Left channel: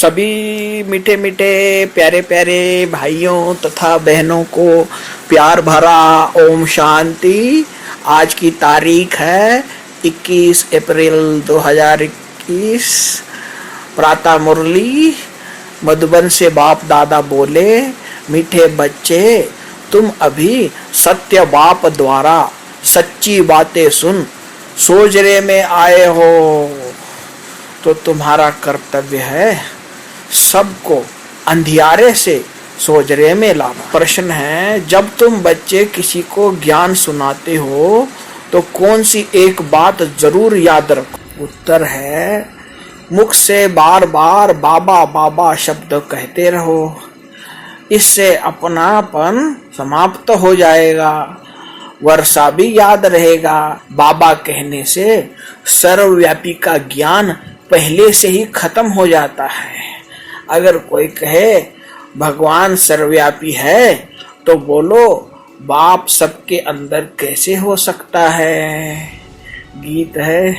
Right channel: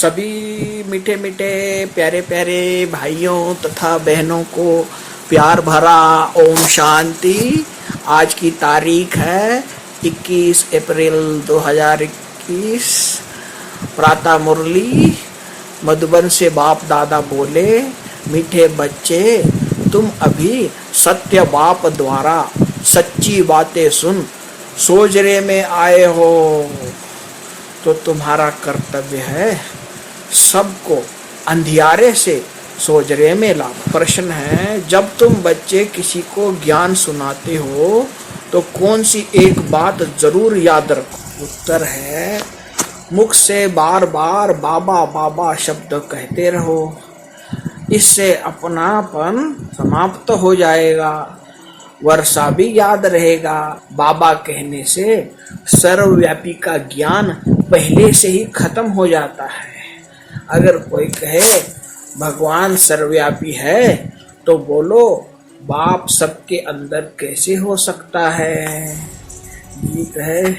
सभी मीठे मीठे प्यारे प्यारे भाइयों तथा बहनों को प्यार भरा ओम शांति। आज की तारीख है 21 अप्रैल 2021। प्रातः मुरली मधुबन से बाप दादा बोले, मीठे बच्चे तुम अभी सत्य बाप द्वारा सच्ची बातें सुन सोजरे में आए हो, तो तुम्हारा कर्तव्य है सबको अंधियारे से सोजरे में लाना। प्रश्न है, जब तुम बच्चे किसी को ज्ञान सुनाते हो तो कौन सी एक बात जरूर याद रखो? उत्तर है, मुख से बार बार बाबा बाबा शब्द कहते रहो, इससे अपनापन समाप्त हो जाएगा, वर्षा भी याद रहेगा। बाबा कहने से सर्वव्यापी का ज्ञान पहले से ही खत्म हो जाता है। अगर कोई कहे भगवान सर्वव्यापी है तो बोलो, बाप सबके अंदर कैसे हो सकता है? गीत है,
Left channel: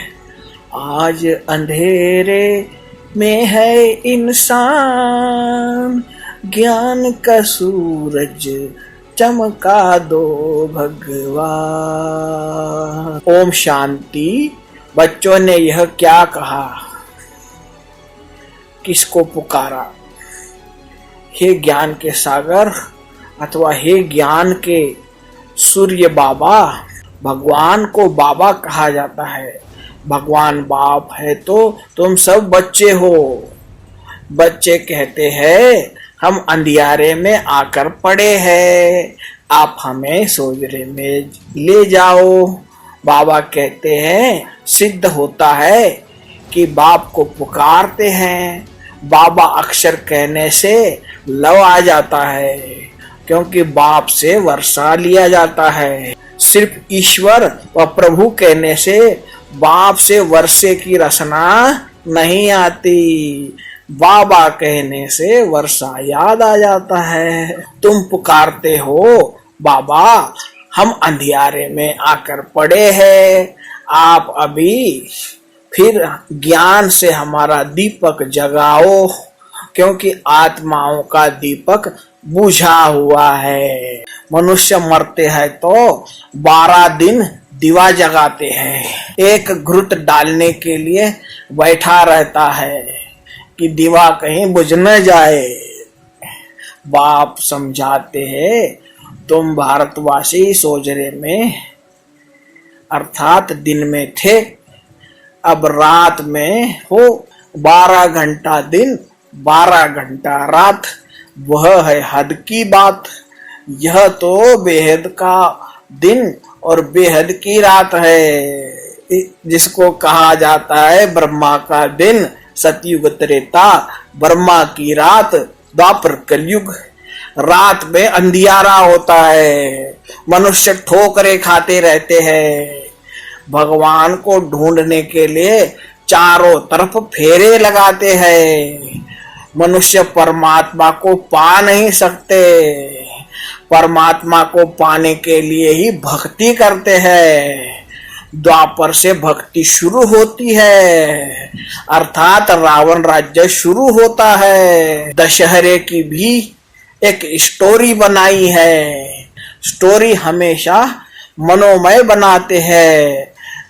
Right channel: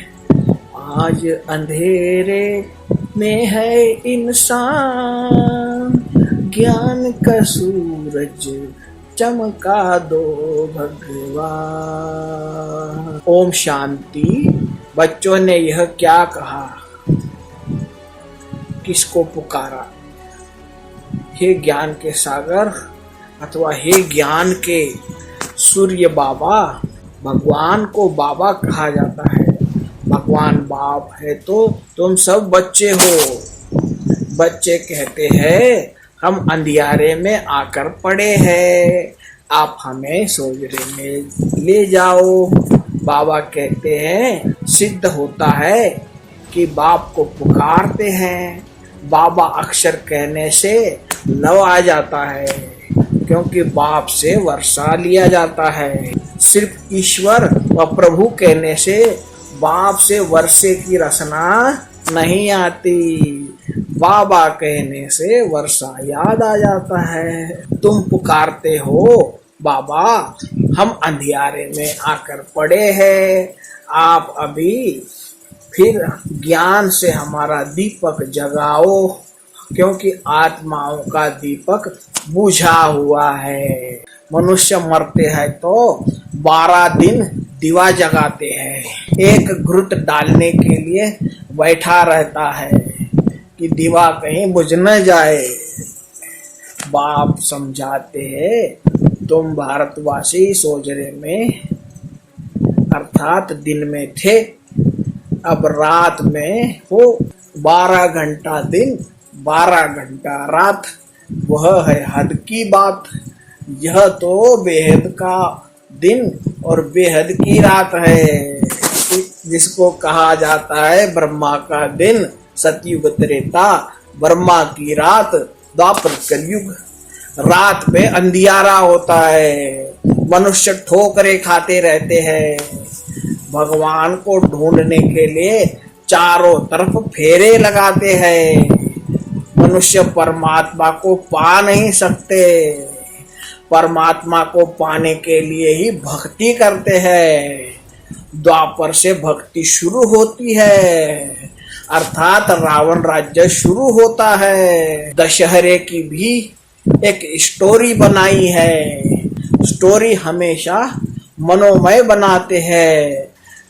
आज अंधेरे में है इंसान, ज्ञान का सूरज चमका दो भगवान। ओम शांति। बच्चों ने यह क्या कहा, किसको पुकारा? हे ज्ञान के सागर अथवा हे ज्ञान के सूर्य बाबा। भगवान को बाबा कहा जाता है। भगवान बाप है तो तुम सब बच्चे हो। बच्चे कहते हैं हम अंधियारे में आकर पड़े हैं, आप हमें सोजरे में ले जाओ। बाबा कहते हैं सिद्ध होता है कि बाप को पुकारते हैं, बाबा अक्षर कहने से लव आ जाता है, क्योंकि बाप से वर्षा लिया जाता है। सिर्फ ईश्वर व प्रभु कहने से बाप से वर्षे की रचना नहीं आती, बाबा कहने से वर्षा याद आ जाता है। तुम पुकारते हो बाबा, हम अंधियारे में आकर पड़े हैं, आप अभी फिर ज्ञान से हमारा दीपक जगाओ, क्योंकि आत्माओं का दीपक बुझा हुआ है। मनुष्य मरते हैं तो 12 दिन दिवा जगाते हैं, एक घृत डालने के लिए बैठा रहता है कि दिवा कहीं बुझ न जाए। बाप समझाते हैं तुम भारतवासी सोजरे में अर्थात दिन में थे, अब रात में हो। 12 घंटा दिन 12 घंटा रात, वह है हद की बात। यह तो बेहद का दिन और बेहद की रात है, जिसको कहा जाता है ब्रह्मा का दिन सतयुग त्रेता, ब्रह्मा की रात द्वापर कलयुग। रात में अंधियारा होता है, मनुष्य ठोकरे खाते रहते हैं, भगवान को ढूंढने के लिए चारों तरफ फेरे लगाते हैं। मनुष्य परमात्मा को पा नहीं सकते, परमात्मा को पाने के लिए ही भक्ति करते हैं। द्वापर से भक्ति शुरू होती है, अर्थात रावण राज्य शुरू होता है। दशहरे की भी एक स्टोरी बनाई है। स्टोरी हमेशा मनोमय बनाते हैं,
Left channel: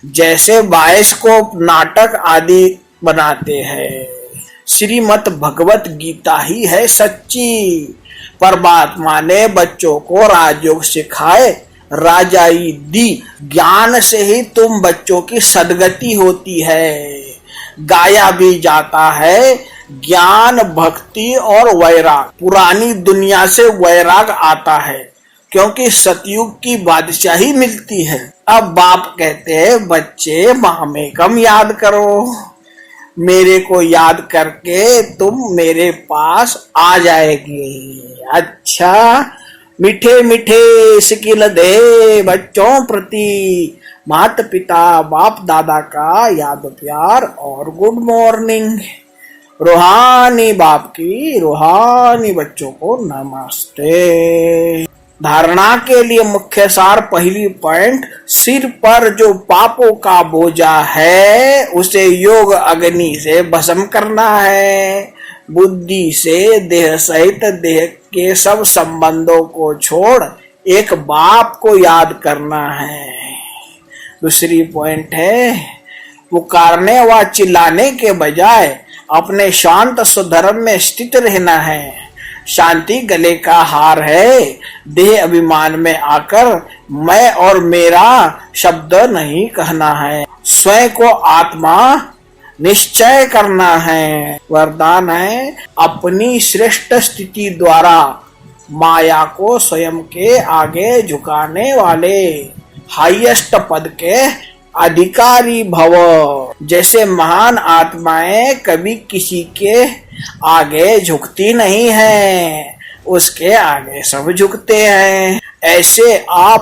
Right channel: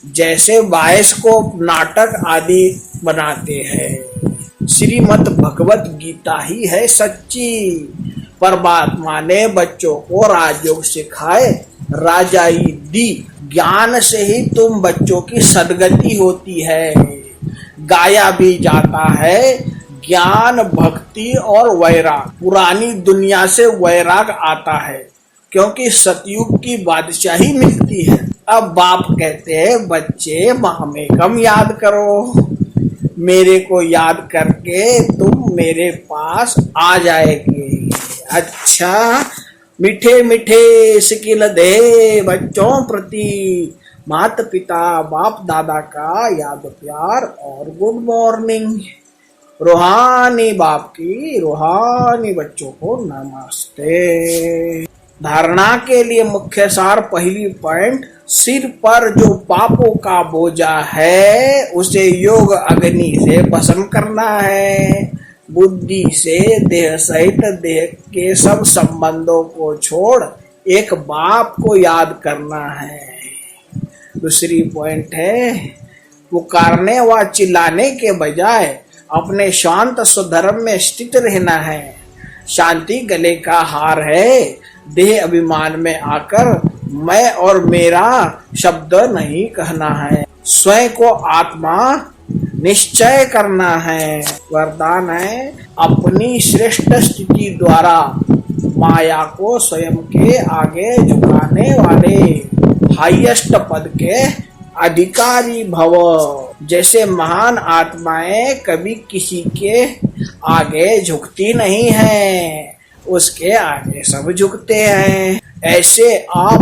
जैसे बायोस्कोप नाटक आदि बनाते हैं। श्रीमद् भगवत गीता ही है सच्ची। परमात्मा ने बच्चों को राजयोग सिखाए, राजाई दी, ज्ञान से ही तुम बच्चों की सदगति होती है। गाया भी जाता है ज्ञान भक्ति और वैराग। पुरानी दुनिया से वैराग आता है, क्योंकि सतयुग की बादशाही मिलती है। अब बाप कहते हैं बच्चे हमें कम याद करो, मेरे को याद करके तुम मेरे पास आ जाएगी। अच्छा, मीठे मीठे सिकिल दे बच्चों प्रति माता पिता बाप दादा का याद प्यार और गुड मॉर्निंग। रूहानी बाप की रूहानी बच्चों को नमस्ते। धारणा के लिए मुख्य सार, पहली पॉइंट, सिर पर जो पापों का बोझा है उसे योग अग्नि से भस्म करना है। बुद्धि से देह सहित देह के सब संबंधों को छोड़ एक बाप को याद करना है। दूसरी पॉइंट है, पुकारने व चिल्लाने के बजाय अपने शांत स्वधर्म में स्थित रहना है। शांति गले का हार है। देह अभिमान में आकर मैं और मेरा शब्द नहीं कहना है। स्वयं को आत्मा निश्चय करना है। वरदान है, अपनी श्रेष्ठ स्थिति द्वारा माया को स्वयं के आगे झुकाने वाले हाईएस्ट पद के अधिकारी भव। जैसे महान आत्माएं कभी किसी के आगे झुकती नहीं है, उसके आगे सब झुकते हैं, ऐसे आप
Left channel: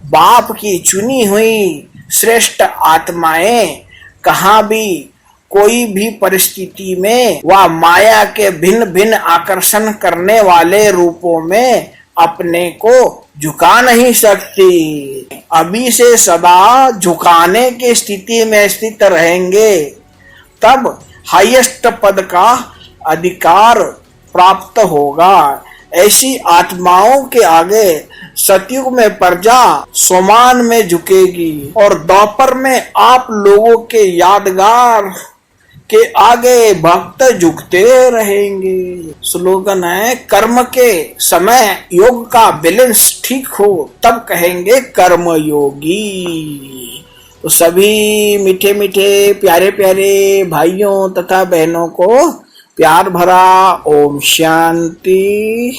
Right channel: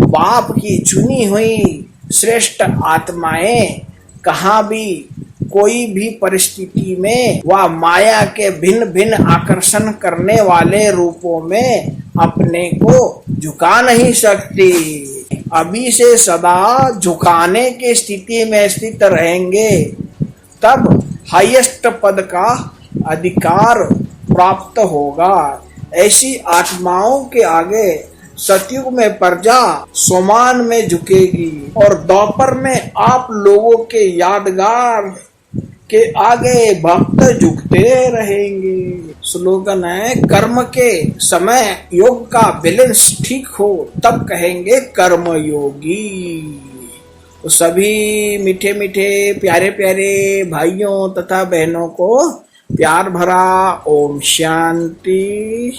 बाप की चुनी हुई श्रेष्ठ आत्माएं कहाँ भी कोई भी परिस्थिति में वह माया के भिन्न भिन्न आकर्षण करने वाले रूपों में अपने को झुका नहीं सकती। अभी से सदा झुकाने की स्थिति में स्थित रहेंगे, तब हाईएस्ट पद का अधिकार प्राप्त होगा। ऐसी आत्माओं के आगे सतयुग में प्रजा सोमान में झुकेगी और द्वापर में आप लोगों के यादगार के आगे भक्त झुकते रहेंगे। स्लोगन है, कर्म के समय योग का बैलेंस ठीक हो तब कहेंगे कर्म योगी। तो सभी मीठे मीठे प्यारे प्यारे भाइयों तथा बहनों को प्यार भरा ओम शांति।